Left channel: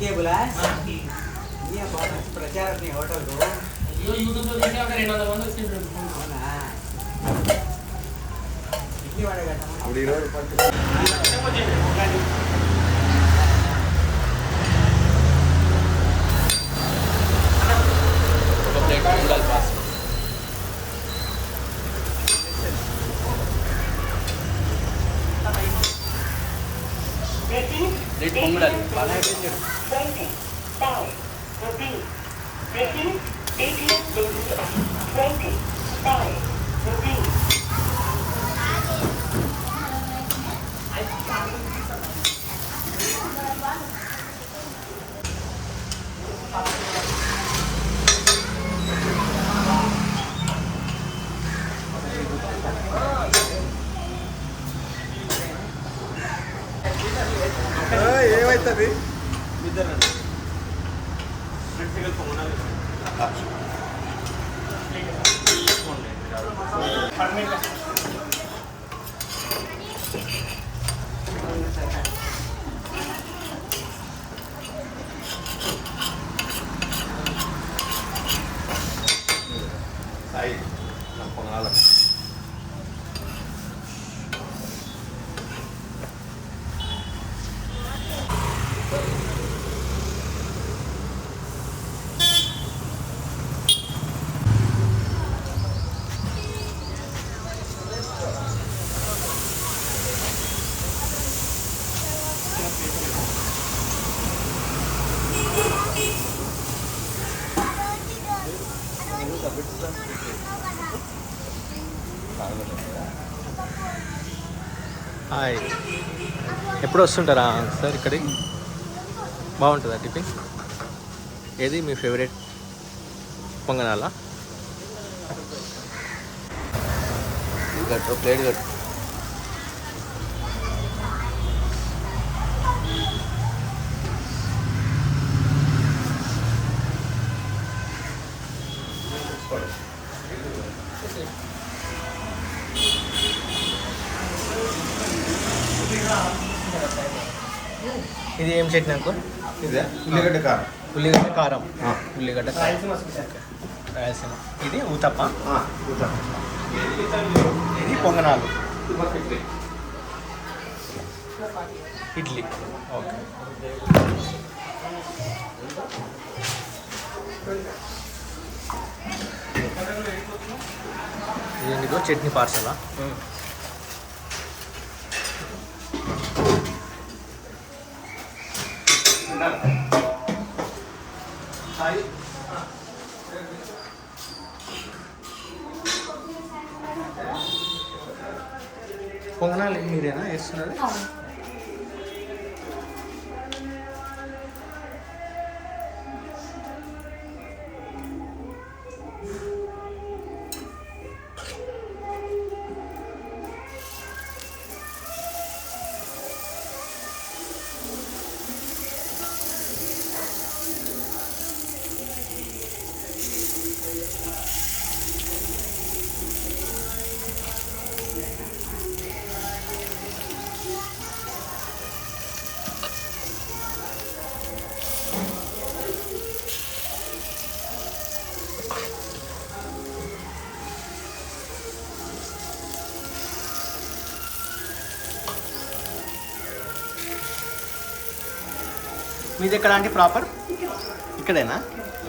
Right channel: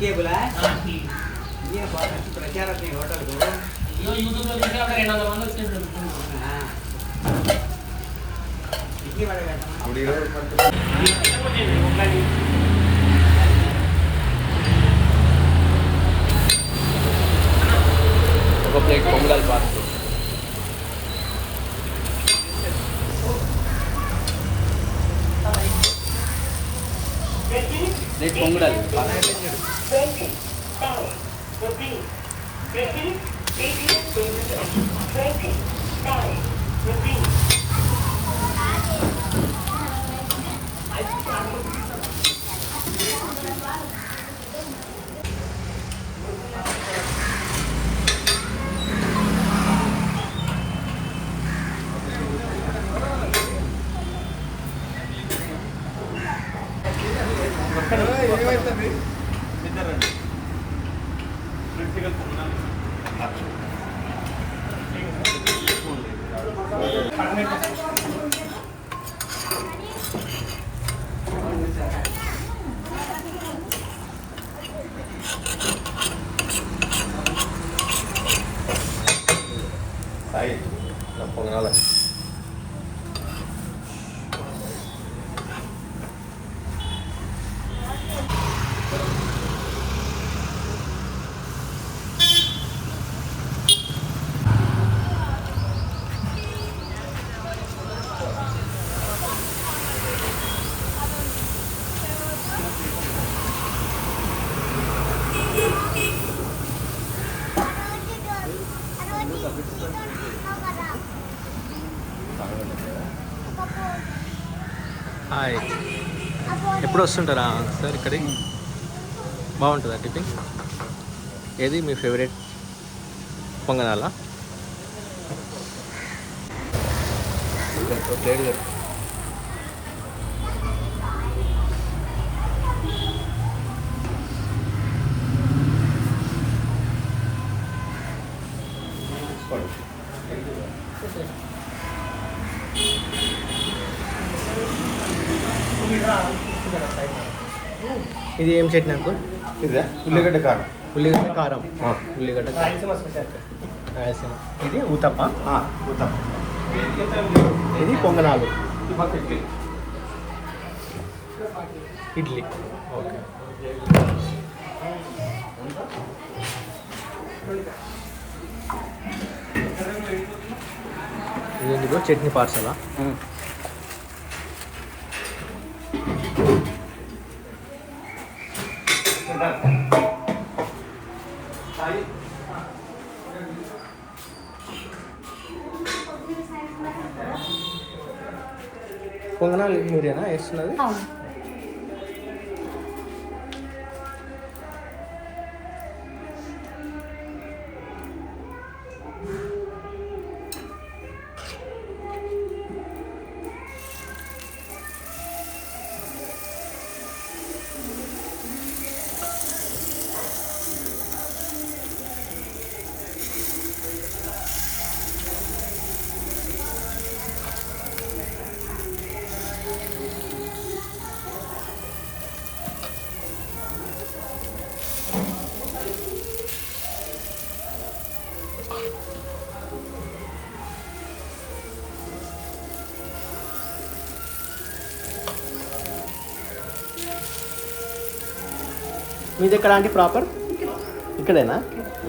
Cable ప్రచారం hotel YouTube లో 200 మంది వచ్చిండ్రు ఒక ప్లేట్ పొంగల్ ప్లేట్ పొంగడాలి ఏమైతుంది పొంగాలి హాయ్ ఎప్పుడు వస్తుంటారా సార్ ఇక్కడికి బాగుంటుందా టిఫిన్ ఏది మీ ఫేవరెట్ పొంగనాలా ప్లేట్ ఇది ఏం చట్నీ అంకుల్ ఇదే ఉల్లిగడ్డ కారం ఉల్లిగడ్డ కారం ఉల్లిగడ్డ కారం రాయలసీమ ఇది ఊతప్ప ఇది పొంగనాలు ఇడ్లీ ఓకే ఇదేంటిదో చట్నీ పార్సలా పొంగనాలు మీరేనా వేస్తున్నది మీది ఎక్కడ అంటే ప్రాపర్ ఇక్కడేనా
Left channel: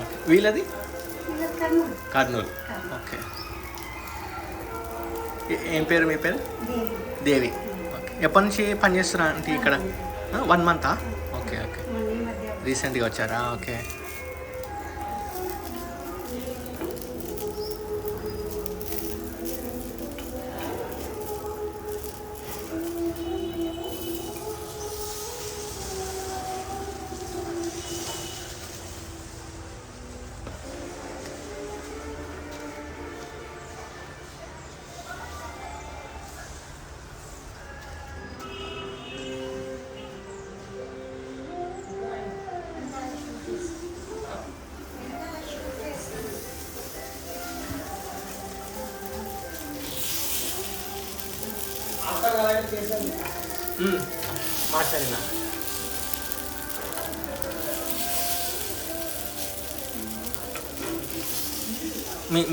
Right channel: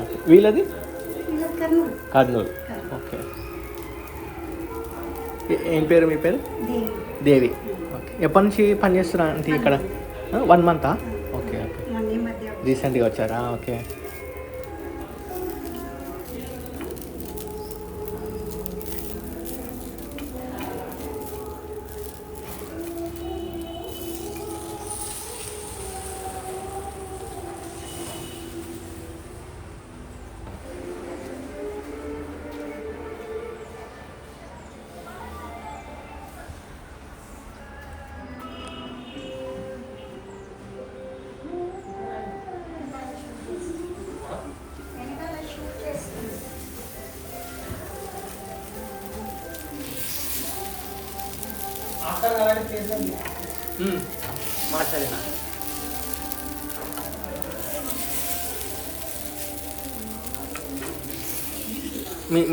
ఓకే వీళ్ళది కర్నూలు ఓకే ఏం పేరు మీ పేరు దేవి ఓకే ఎప్పటి నుంచి పనిచేస్తారా అంటే ఇక్కడ 1 మంతా ఓకే ఓకే రీసెంట్గా వచ్చారా ఓకే మాట్లాడినా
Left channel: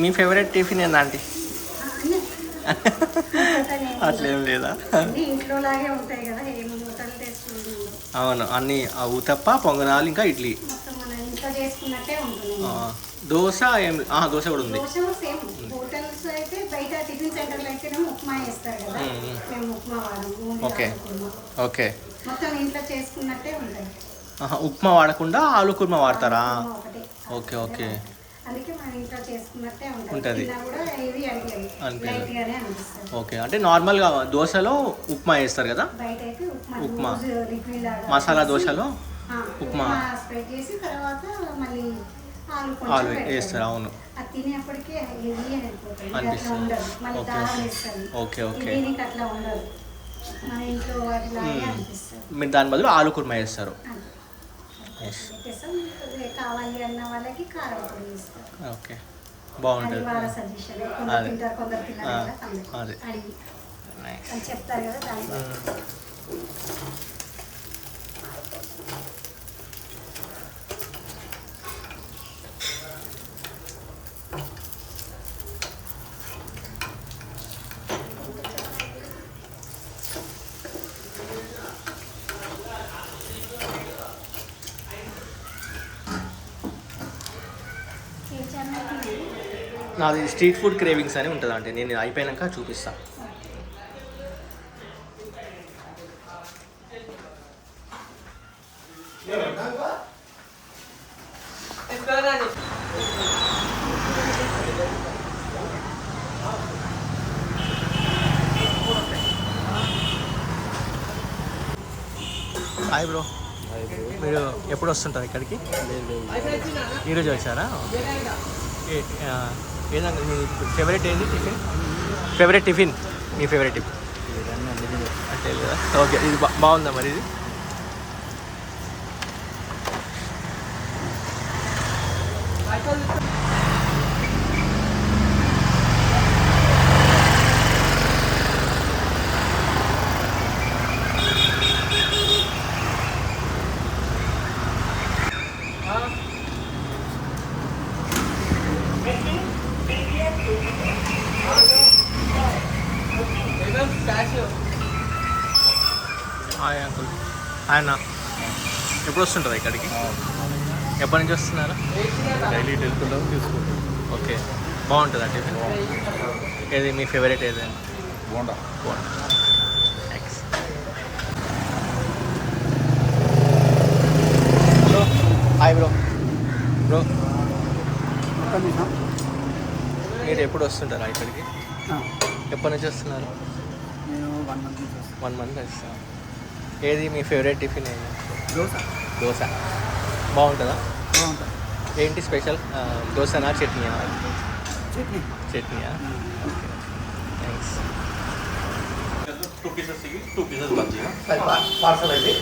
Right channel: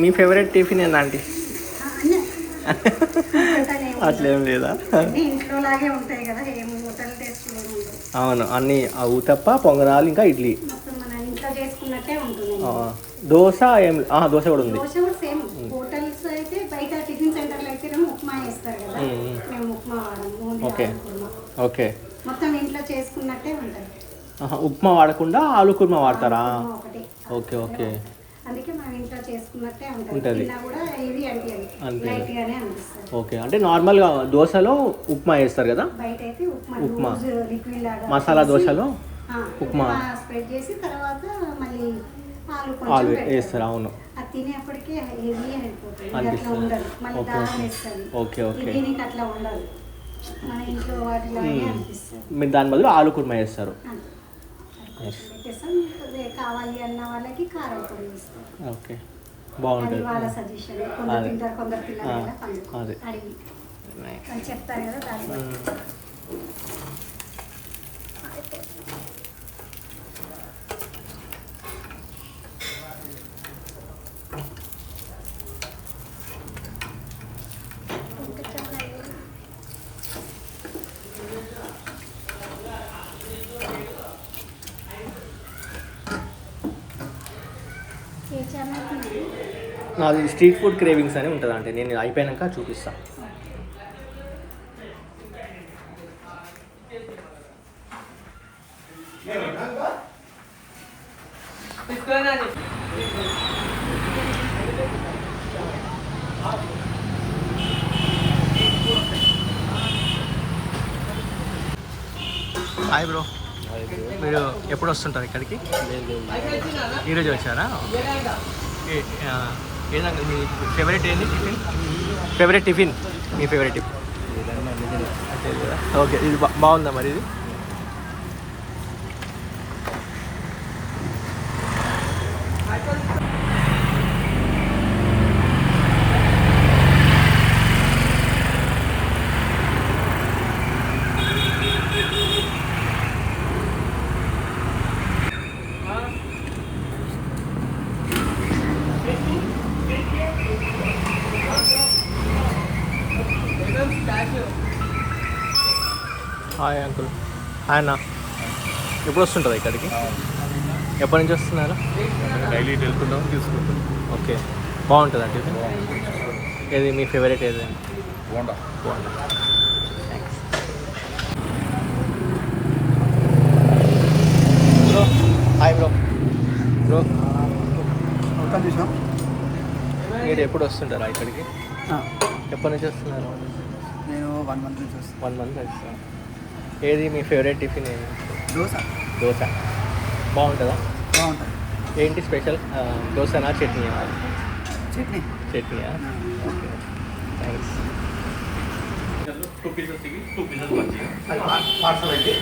మీ ఫేవరెట్ టిఫిన్ ఏందా ఆంటీ? అన్నీ అట్లేం లేదా? అన్నీ ఇంట్లో లాగే ఉంటాయి కదా, ఏం హోటల్ టేస్ట్ లేదు. అవును, అన్నీ ఊతప్ప, పొంగనాలు, ఇంకా ఇడ్లీ. మొత్తం మన ఇంట్లో చేసుకున్నట్టే ఉంటుంది. దోశ ఏం దోశ కూడా ఉంది. దోశ కూడా సేమ్. హోటల్స్ అయితే బయట టిఫిన్ సెంటర్లో అయితే ఉప్మా వేస్తారు కదా, మేము ఉప్మా వాడము. Okay okay. మొత్తం ఇంట్లో చేసుకున్నట్టే ఉంటుంది. ఉప్మా వాడకుండా ఆలు కుర్మా వాడతారా? ఒకటి. Okay okay. అందుకే మన ఇంట్లో చేసుకున్నట్టే ఉంటుంది. ఉంటుంది. కూడా హెవీ అనిపించదు, అనిపించదు. లైట్గానే అనిపిస్తుంది. ఓకే, అంటే నార్మల్గా దోశలో ఉప్మా వేస్తారు కదా, బయట అయితే ఉప్మా. లిక్విడ్ లాగా మసాలా దోశలో ఉప్మా స్ప్రెడ్ చేసి తర్వాత మళ్ళీ ఆలు వేస్తారు. అవును, అది తినేప్పటికే హెవీ అయిపోతుంది, అనిపిస్తుంది. ఉండదు. మళ్ళీ ఓకే దారం వేస్తుంది. Okay okay. దీనికి అట్లా ఉండదు, మన ఇంట్లో వాటిలాగే అనిపిస్తుంది. మీరు దాని బదులు ఆలు కుర్మా వేస్తారు. ఎస్, పెట్టేస్తాం. కావాలి అన్న వాళ్ళకి కారం పొడి వేస్తాం. ఓకే, బాగుంటుంది. వాళ్ళ సజెషన్. కొందరు అదే. తింటారు, కొందరు తినరు కదా, అందుకు అదే. అడిగి నైస్. వాళ్ళు చెప్తారు కదా దాన్ని. నాది స్ట్రీట్ ఫుడ్ క్రేవింగ్స్ అని ఉంటుంది, అంటే నేను అయిపోయాక చూపిస్తాను. హాయ్ బ్రో, మీరు ఎప్పుడు వస్తుంటారు ఇక్కడికి? ఈరోజు వచ్చారా? ఓకే. ఏదన్నా మీ ఫేవరెట్ ఏంది టిఫిన్? ఫేవరెట్ టిఫిన్, మీ ఫేవరెట్ టిఫిన్ అంటే లేదా? ఓకే, ఇది బాగుందా మరి? ఇది హాయ్ అంకుల్. హాయ్ అన్న, ఎప్పుడు వస్తుంటారు ఇక్కడికి? ఎప్పటి నుంచి వస్తున్నారు? డైలీ వెళ్తుంటాం, తీసుకుంటాం. ఓకే, బాగుంటుందా టిఫిన్? ఏది మీ ఫేవరెట్ ఏదైనా? Bonda. Bonda. Thanks bro. Hi bro. Bro, ఒక్క నిమిషం. మీరు ఎప్పుడు వస్తుంటారా ఇక్కడికి? ఎప్పటి నుంచి వస్తున్నారు? నేను 1 month నుంచి వస్తాను. 1 month వస్తాను. ఏది మీ ఫేవరెట్ టిఫిన్ ఏమి? దోశ. దోశ బాగుంటుందా? బాగుంటుంది. ఏంటి స్పెషల్? దోశనా, చట్నీయా? చట్నీ. చట్నీయా? Okay okay, thanks. 2 pieces ఇవి, 2 pieces బజ్జీగా. పార్సల్ అయితే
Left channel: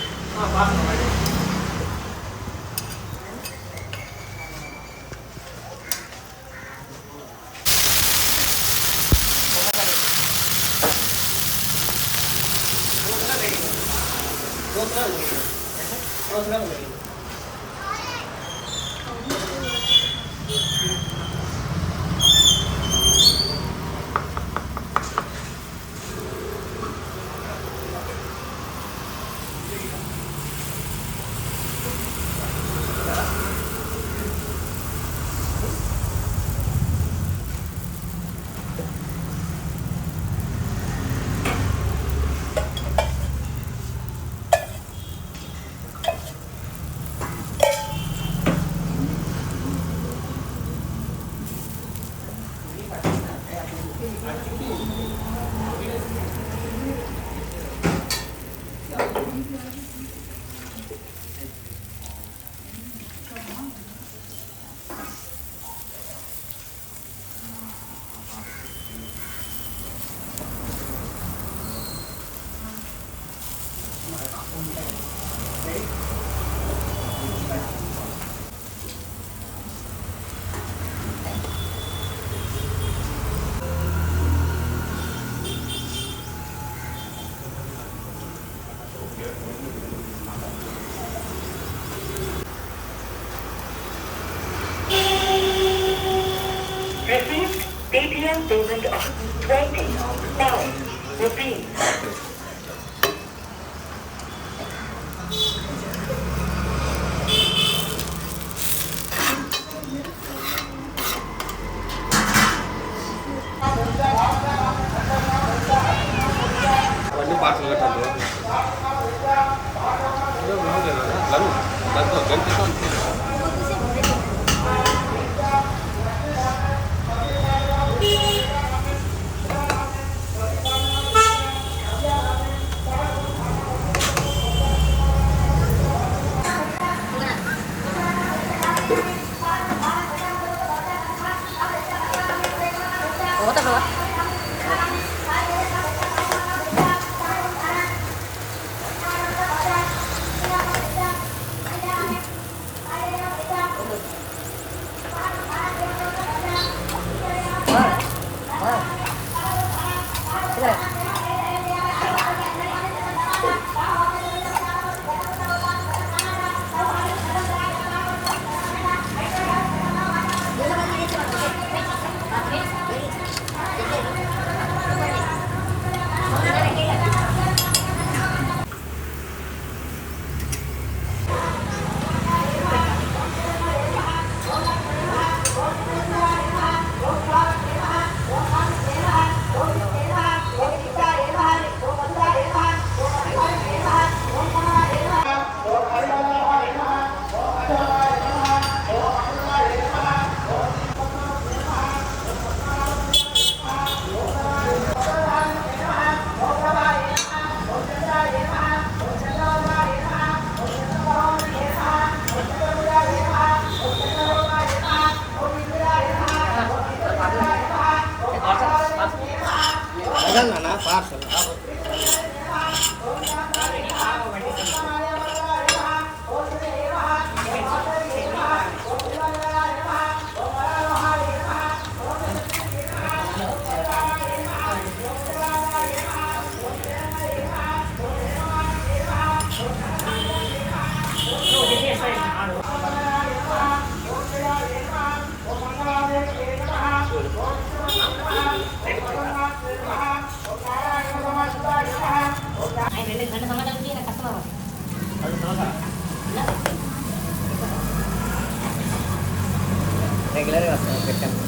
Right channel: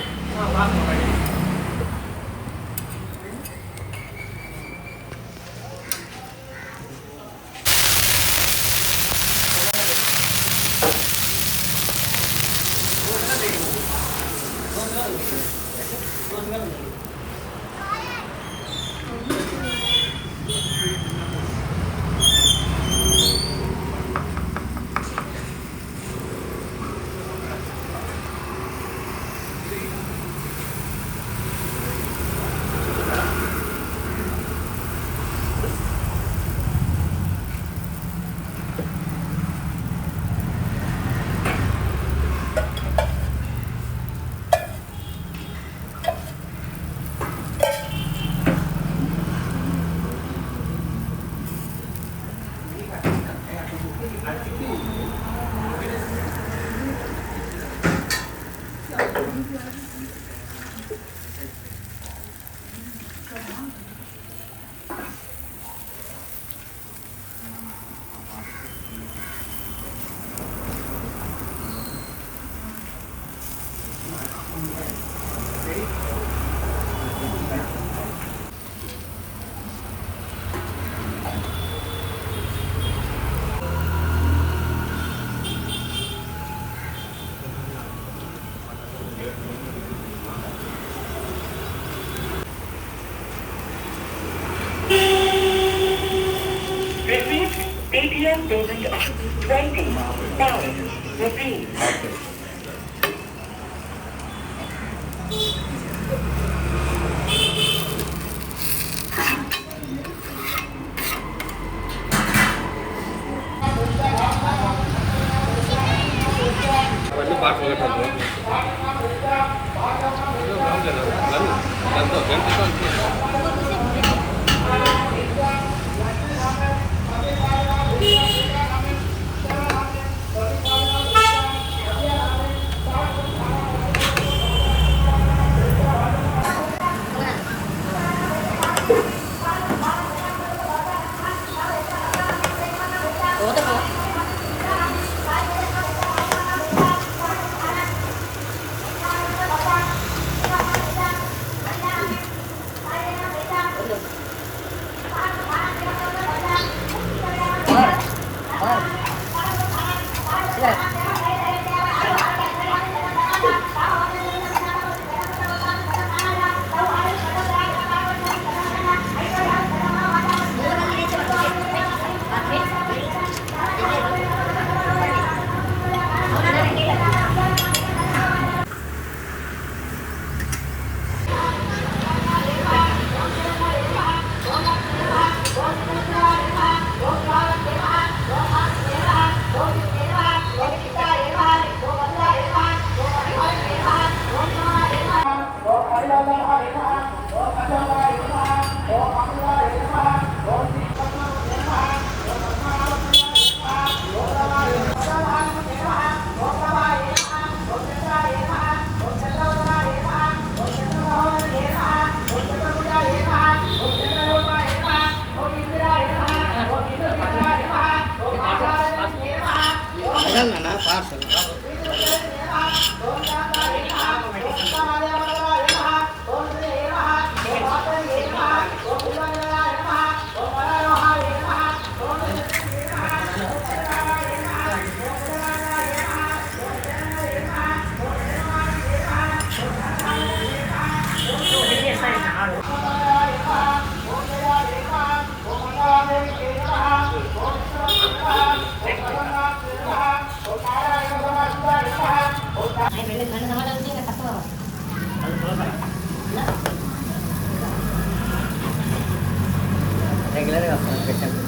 రెగ్యులర్గా వస్తాను పెట్టాను.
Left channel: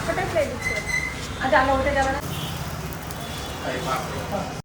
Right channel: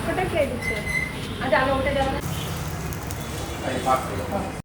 ఒకటే ప్లేట్ ఇచ్చారు అది అలా ఒకటే